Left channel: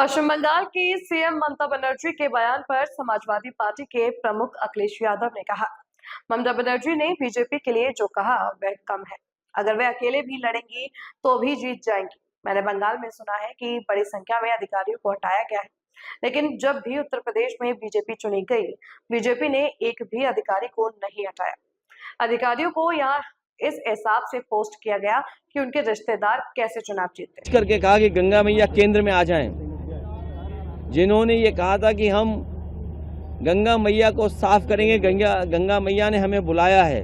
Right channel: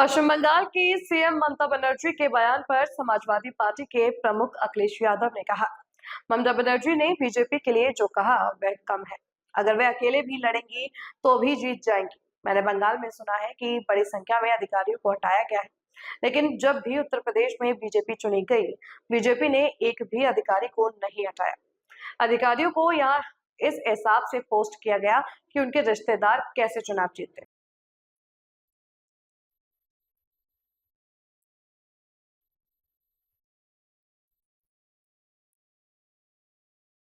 पश्चिम बंगाल की सीएम ममता बनर्जी के बयान पर समाजवादी पार्टी के प्रमुख अखिलेश यादव ने कहा, ममता बनर्जी ने बीजेपी के लिए जो कहा वह कम है। अगर वे अकेले भी लड़ेंगी तो भी जीत जाएंगी। मैंने बंगाल में सुना है कि बड़ी संख्या में अधिकारियों को हटाया गया है, लेकिन जब भी उत्तर प्रदेश में बीजेपी चुनी गई, बीजेपी ने एक भी अधिकारी को नहीं हटाया। अधिकारियों को यहाँ इस हिसाब से पोस्ट किया गया कि उनके रिश्तेदार कैसे चुनाव जीते। करके कहा कि गंगा मैया केंद्र में आ जाएं। जिन्होंने ये कहा था कि हम गंगा मैया को साफ करेंगे, गंगा मैया ने हमें बुलाया है।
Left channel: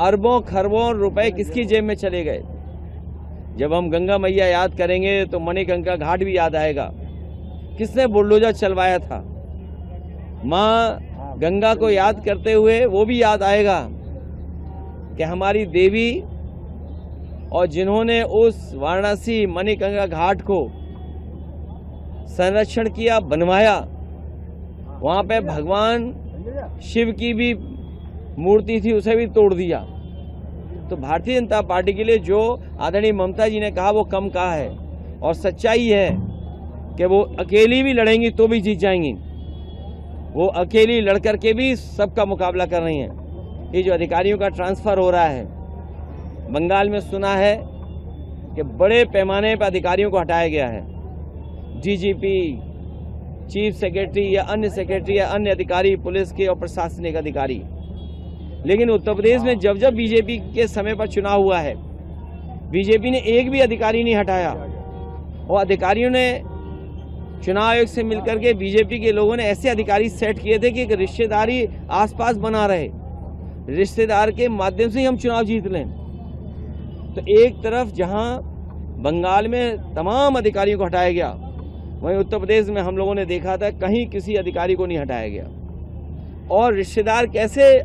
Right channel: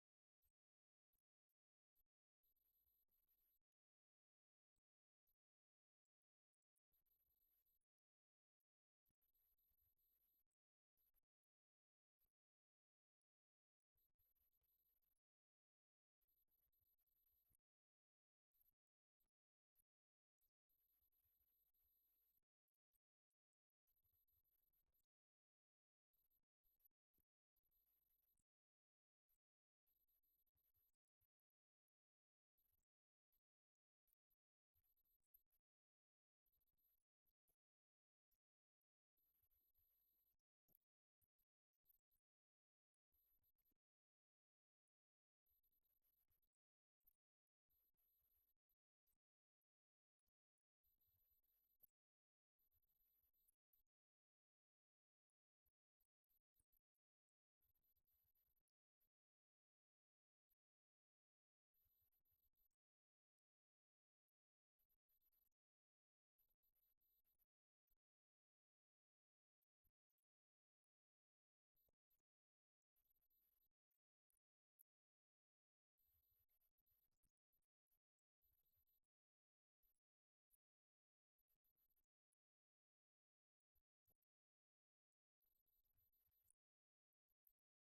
अरबों खरबों रुपए किसकी जेब में चले गए। जब हम गंगा मैया याद करेंगे तो मणिकंका घाट भी याद आएगा। किसने बुलडोजर चलवाया था। माँ गंगा को याद करते हुए वो भी याद आएगा कि हमारी देवी और जिन्होंने उस वाराणसी मणिकंका घाट को संरक्षण किया, बनवाया, वहाँ पे भगवान शिव की भी मूर्ति थी, उसे भी तोड़ दिया। तो भारतीय जनता पार्टी के लिए जो आदरणीय ममता जी ने कहा वो कम कहा है, और सच्चाई है कि वो अकेली भी लड़ेंगी तो भी जीत जाएंगी। वो अकेली लड़ करके भी सबका मुकाबला कर रही हैं। ये जो अधिकारियों का ट्रांसफर हो रहा है, बंगाल में सुना है कि बड़े पैमाने पर अधिकारियों को हटाया गया है। डीजीपी, चीफ सेक्रेटरी या अन्य सेक्रेटरी या अन्य अधिकारी, पुलिस के और प्रशासनिक अधिकारी। लेकिन उत्तर प्रदेश में जब जब बीजेपी के समय पर चुनाव हुआ है, बीजेपी ने एक भी अधिकारी नहीं हटाया, और अधिकारियों ने चुनाव आयोग से मिलकर के बीजेपी के लोगों ने ऐसे अधिकारी सेट किए थे कि एक रिश्तेदारी आसपास बना रहे, रिश्तेदार के माध्यम से ही हम चुनाव जीत लें। तो एक तरफ जहां बंगाल में तमाम अधिकारियों को हटाया गया, वहीं उत्तर प्रदेश में हम लोगों ने देखा था कहीं किसी अधिकारी को नहीं हटाया गया। और रिश्तेदार कैसे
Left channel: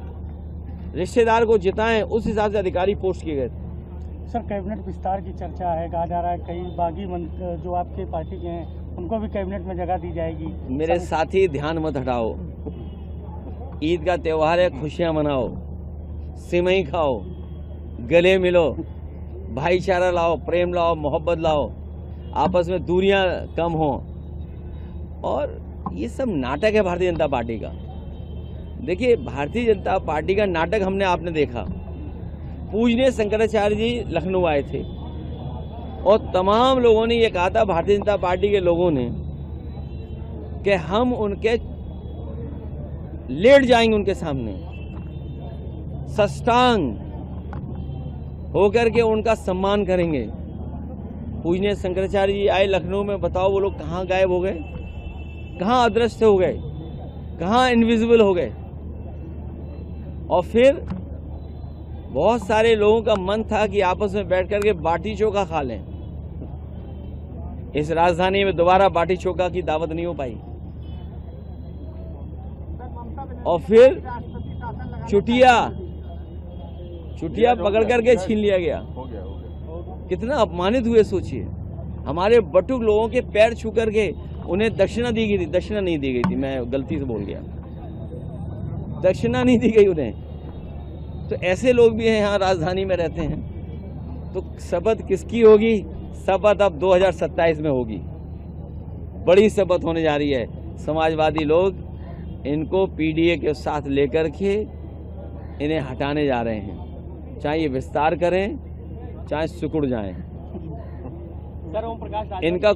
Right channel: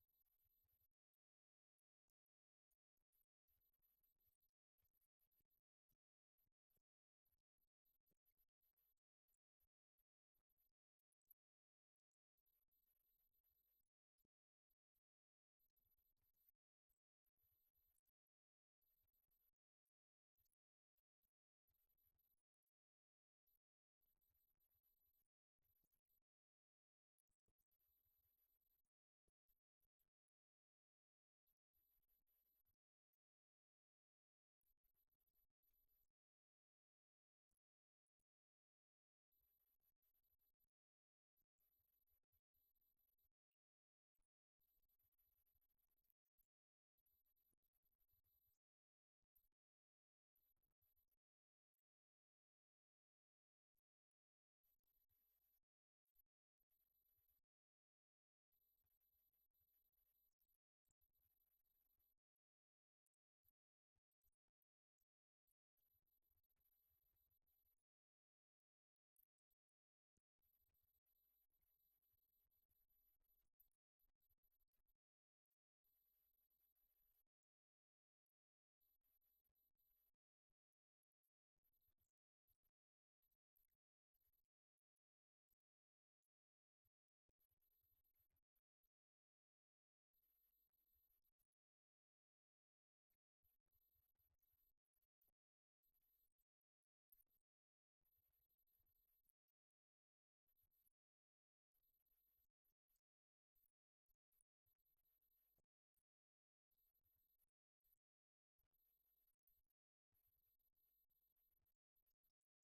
रिश्तेदार को जिताएं, उस हिसाब से अधिकारी पोस्ट किए गए थे। सर, कैबिनेट विस्तार की चर्चा है, कहा जा रहा है कई बागी जो आपके पार्टी के हैं उनको भी कैबिनेट में जगह दी जाएगी। मेरे साथी, ध्यान मत हटाओ। ईद का त्यौहार है, खुशियां मनाओ, सिमई खाओ, गले मिलो, भाईचारा लाओ, प्रेम लाओ, मोहब्बत लाओ, आपस में दूरियां कम हो। और ये सब नाटक है भारतीय जनता पार्टी का। देखिए, भारतीय जनता पार्टी का नाटक आपने देखा। पूजनीय शंकराचार्य जी लखनऊ आए थे और तमाम लोगों ने ये कहा था, भारतीय जनता पार्टी के लोगों ने, कि हम उनके लेट जाएंगे, उनके सामने सष्टांग होकर के उनका सम्मान करेंगे। पूजनीय शंकराचार्य जी आए लखनऊ में, बताओ वो लोग कहाँ गायब हो गए, कहाँ अदृश्य हो गए, कहाँ इनविजिबल हो गए। और फिर बहुत सारे लोगों का मन था कि आपस में बैठ करके बाटी चोखा खा लें। इस राजधानी में दोबारा बाटी चोखा की दावत नहीं हो पाई। और फिर चुटिया पकड़ करके छीन लिया गया। कितना अपमानित हुए सोचिए। हमारे बटुक लोगों के पैर छू करके उन्हें दक्षिणा दी गई थी। दक्षिणा नहीं दी गई थी, मैं गलती से बोल गया, दक्षिणा नहीं दी गई उन्हें। तो ऐसे लोग भी हैं, यहाँ राजधानी में रहते हैं। तो शपथ किसकी होगी? शपथ अब 2027 में होगी। बड़ी शपथ होने जा रही है। समाजवादी लोग इनको पीडीए के साथ लेकर के इन्हें हटाने जा रहे हैं। चाहे ये विस्तार करें, चाहे सिकुड़ जाएं, इनका